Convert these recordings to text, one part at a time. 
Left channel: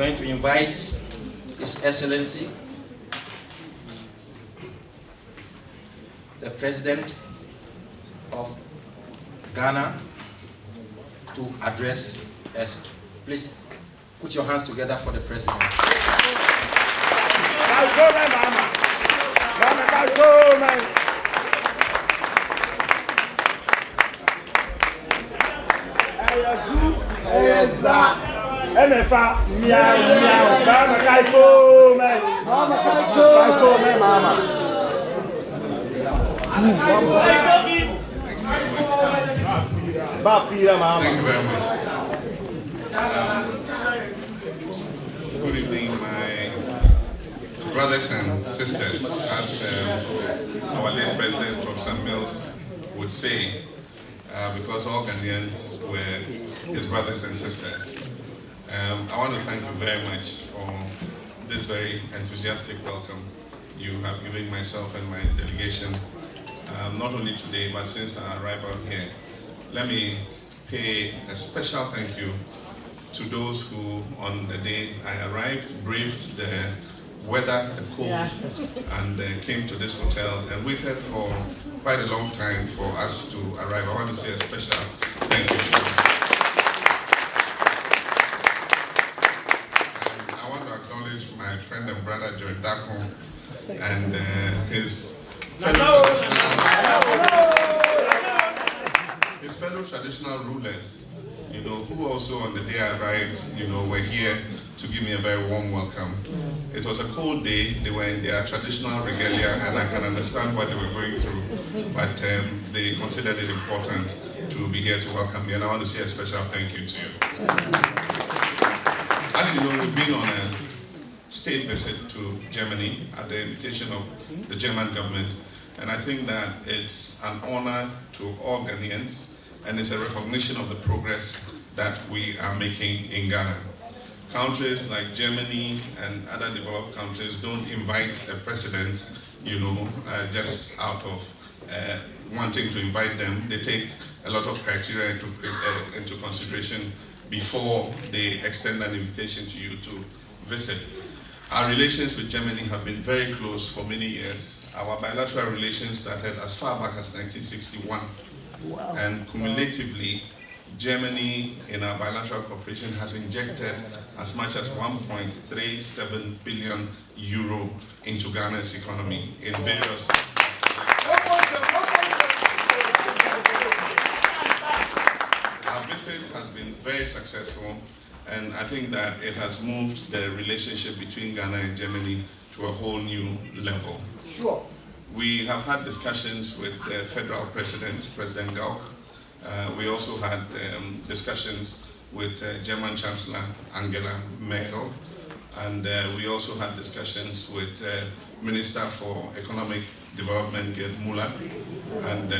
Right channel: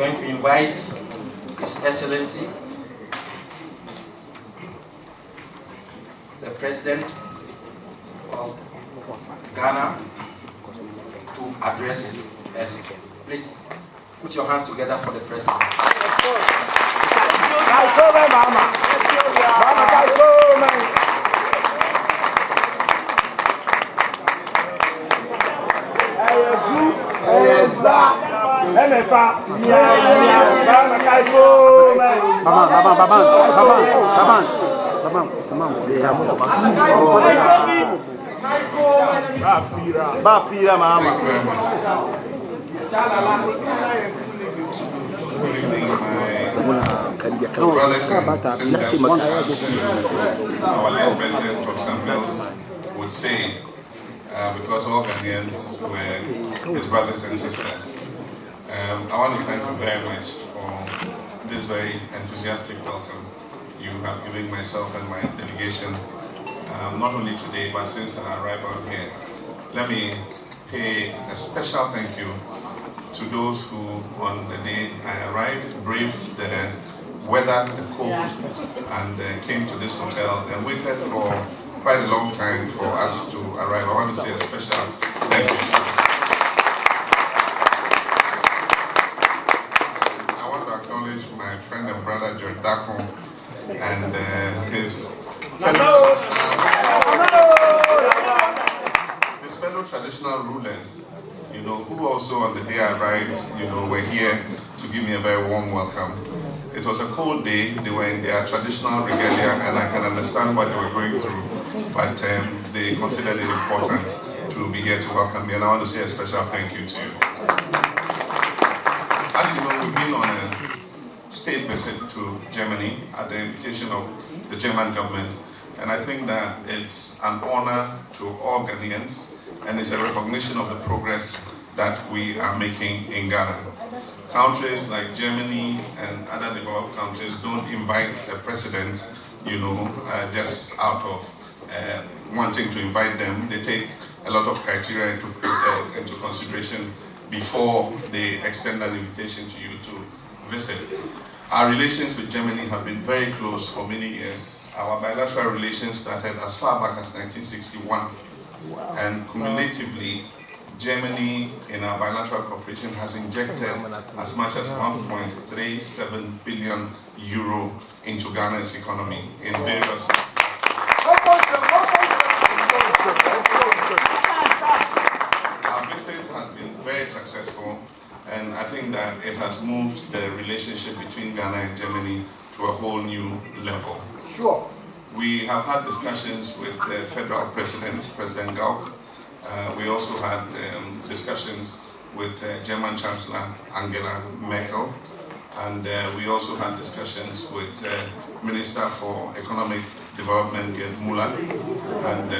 going to invite His Excellency, the President of Ghana, to address us. Please put your hands together for the President. Thank you very much. Good evening, my brothers and sisters, as our late President Professor Mills would say, because all Ghanaians were his brothers and sisters. I want to thank you very much for this very enthusiastic welcome you have given myself and my delegation, not only today, but since our arrival here. Let me pay a special thank you to those who, on the day I arrived, braved the weather, the cold, and came to this hotel and waited for quite a long time for us to arrive. I want to say a special thank you to you. And I want to acknowledge my friend and brother, George Dako, and his fellow traditional rulers, you know, who also on the day I arrived, you know, were here to give me a very warm welcome. It was a cold day. They were in their traditional regalia, and I can understand what they were going through, but they considered it important to be here to welcome me, and I want to say a special thank you to you. As you know, we've been on a state visit to Germany at the invitation of the German government, and I think that it's an honor to all Ghanaians, and it's a recognition of the progress that we are making in Ghana. Countries like Germany and other developed countries don't invite a president, you know, just out of wanting to invite them. They take a lot of criteria into consideration before they extend an invitation to you to visit. Our relations with Germany have been very close for many years. Our bilateral relations started as far back as 1961. Wow. And cumulatively, Germany in our bilateral cooperation has injected as much as 1.37 billion euro into Ghana's economy in various. Our visit has been very successful, and I think that it has moved the relationship between Ghana and Germany to a whole new level. Sure. We have had discussions with the federal president, President Gauck. We also had discussions with German Chancellor Angela Merkel. And we also had discussions with Minister for Economic Development, Gerd Müller. And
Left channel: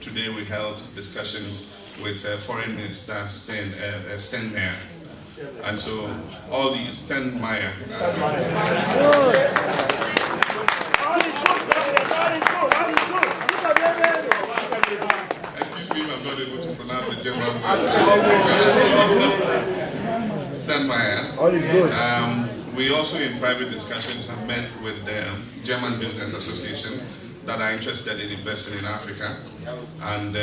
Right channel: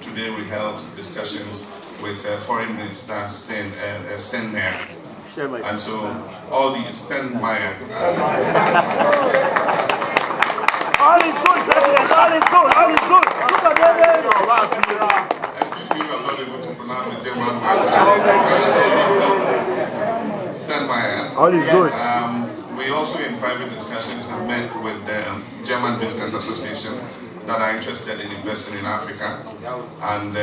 today we held discussions with Foreign Minister Steinmeier. And so all the Steinmeier. All is good, President. All is good. All is good. Excuse me if I'm not able to pronounce the German words. Steinmeier. All is good. We also, in private discussions, have met with the German Business Association that are interested in investing in Africa. And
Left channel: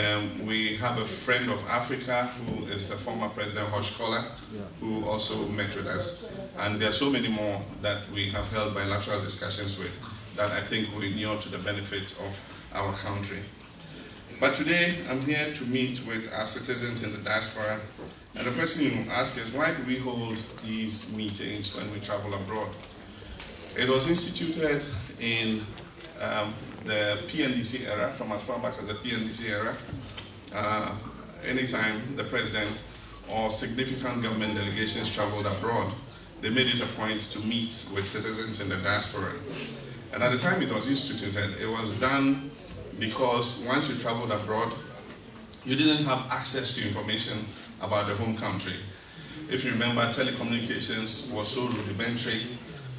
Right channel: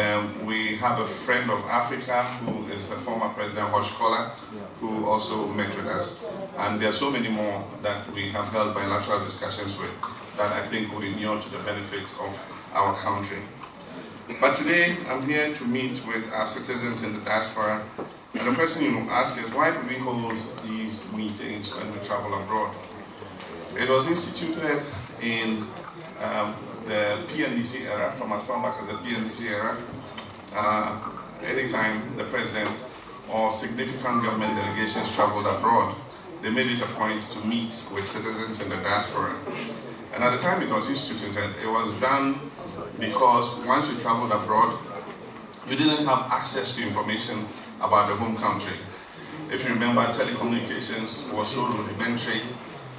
we have a friend of Africa who is a former President, Horst Kohler, who also met with us. And there are so many more that we have held bilateral discussions with that I think will inure to the benefit of our country. But today, I'm here to meet with our citizens in the diaspora. And the question you will ask is, why do we hold these meetings when we travel abroad? It was instituted in the PNDC era, from as far back as the PNDC era. Anytime the president or significant government delegations traveled abroad, they made it a point to meet with citizens in the diaspora. And at the time it was instituted, it was done because once you traveled abroad, you didn't have access to information about the home country. If you remember, telecommunications was so rudimentary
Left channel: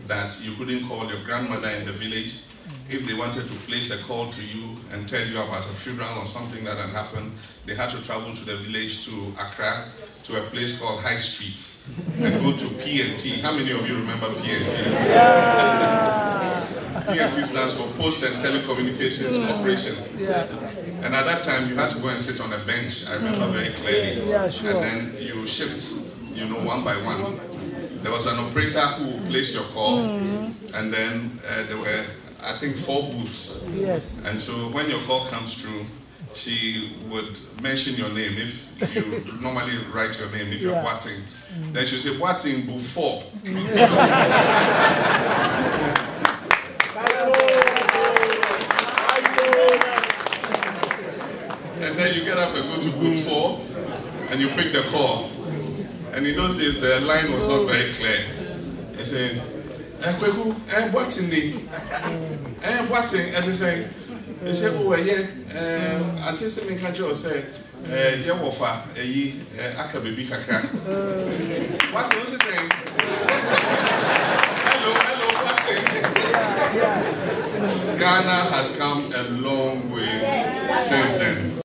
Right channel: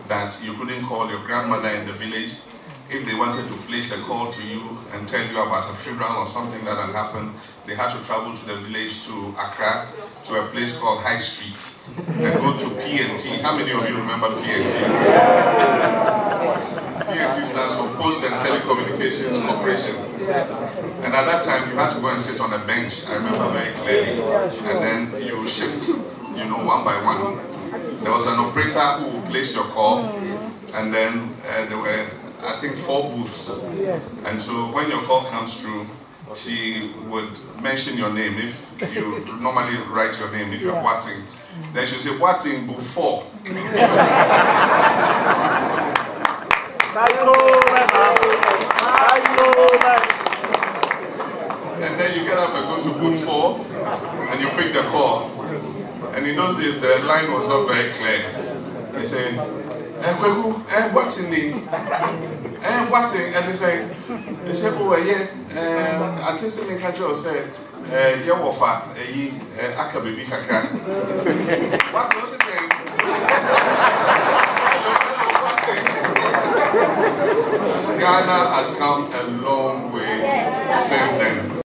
that you couldn't call your grandmother in the village. If they wanted to place a call to you and tell you about a funeral or something that had happened, they had to travel to the village to Accra to a place called High Street and go to P&T. How many of you remember P&T? P&T stands for Post and Telecommunications Corporation. And at that time, you had to go and sit on a bench. I remember very clearly. And then you shift, one by one. There was an operator who would place your call, and then there were, I think, 4 booths. Yes. And so when your call comes through, she would mention your name. If you normally write your name, if you're Boating, then she'll say, Boating, booth 4. And then you get up and go to booth 4, and you pick the call. And in those days, the line was not very clear. He said, Kweku, Boating, Boating, and they say, oh, yeah, until Semin Kajo said, Yawafa, Akabibi Kakra. What's he saying? Hello, Boating. Ghana has come a long way since then.